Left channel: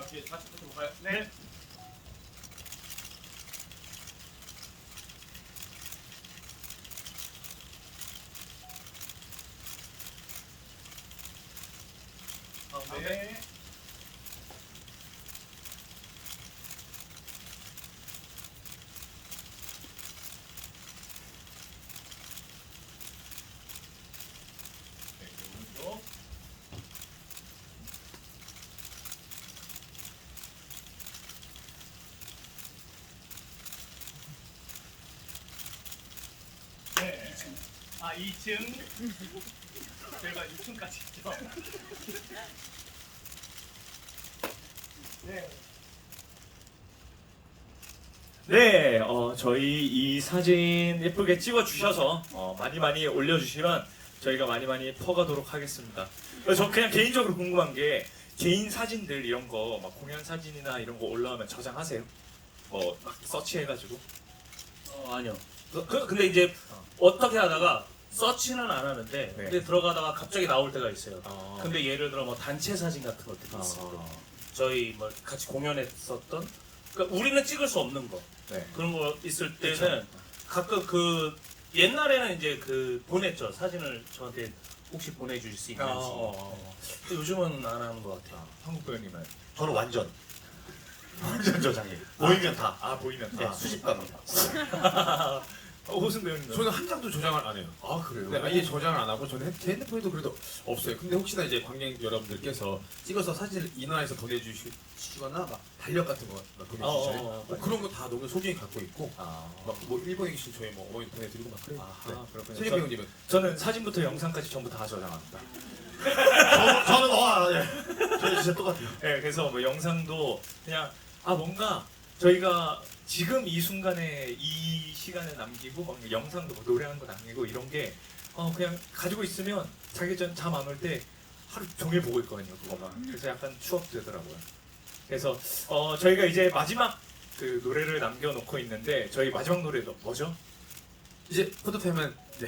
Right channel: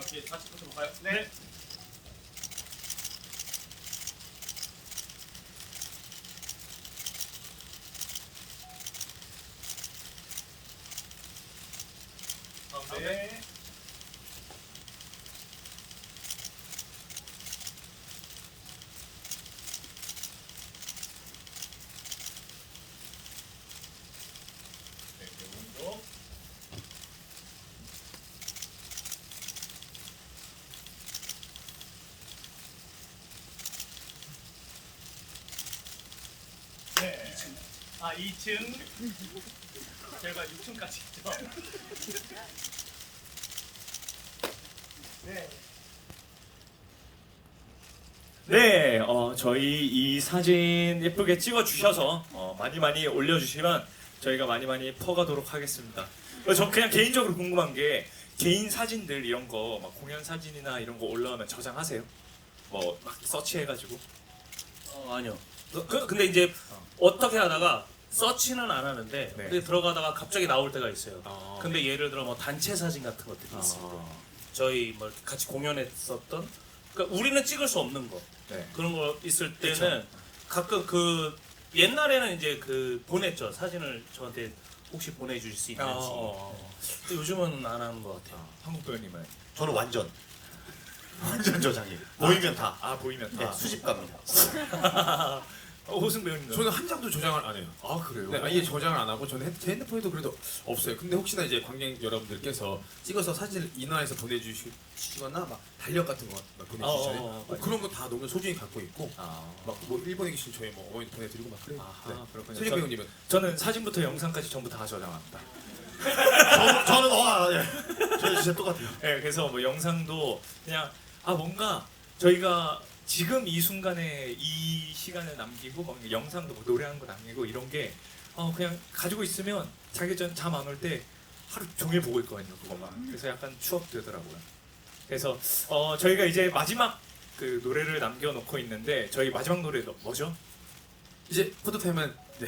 이렇게 같이 붙여볼까요? 네. 가운데. 네, 이제 오른쪽. 네. 아, 2층. 저희가 6층까지 있죠. 네. 네, 어, 저희 이 사진 예쁘게 찍어 주셔서 어, 많이 많이 올려주시면 저희가 많이 많이 퍼가도록 하겠습니다. 그래서 저 그냥 개인적으로 궁금한 게 개인 사진들 이런 거막 공연 사진이나 이런 거 올라오면 저장하세요? 뭐 서치해가지고 어, 아니요. 그, 그- 근데 이제 어떻게 하다가 서치는 안 하는데 네. 근데 들어가다가 갑자기 나올 때가 있어요. 아. 근데 예를 들어 뭐 단체 사진 같은 것들이 있어요. 아, 저희 뭐 같이 공연했었던 그러니까 우리는 찍을 수 없는 거 네. 그런 거 있을 때는 그쵸. 가끔 그 옛날에는 이제 그 보냈죠 사진을 저한테 혹시 보내줄 수 있는지. 어, 근데 요즘은 안 하는 것 같아요. 한국 도현님은 저는 완전 완전 저장해. 보이면 다. 아 보이면 네, 다. 수집 갑니다. 어, 호승 도현님. 저는 한 장도 저장을 안 해요. 아 그래요? 네, 아예 저장을 안 하고 저는 핸- 제 핸드폰에도 그래도 없어요. 근데 혹시나 이제 관객 여러분들께서 찍어서 사진을 인화해서 보내주시거나 막 달력 같은 거막 보내주시잖아요. 어, 어, 어. 뭐 그런 거 다 너무 소중히 갖고 있고 아, 막 뭐 일본에 계신 저희 뭐 어머니 보내드리고 막 그래요. 아 네. 그렇군요. 저- 배우님은 저는 사진부터 영상까지 전부 다 저장합니다. 저는, 저는 어, 아, 예. 저는 진짜 똑같아요. 네, 그래서 뭐 영상도 그냥 아 뭔가 저희가 지금 이 순간에 이 시간을 남기고 막 영상도 뭐 노래하는 거 남기고 이런 게 어, 그냥 가지고 있으면 자기 전잠안 올 때 하루 종일 보고 있거든요. 그거만. 그래서 약간 추억 되더라고요. 그래서 어, 저희가 이제 마지막 그 노래를 남겨놓고 있는데 저희 마지막 노래 뭐죠? 이제 포토타임은 네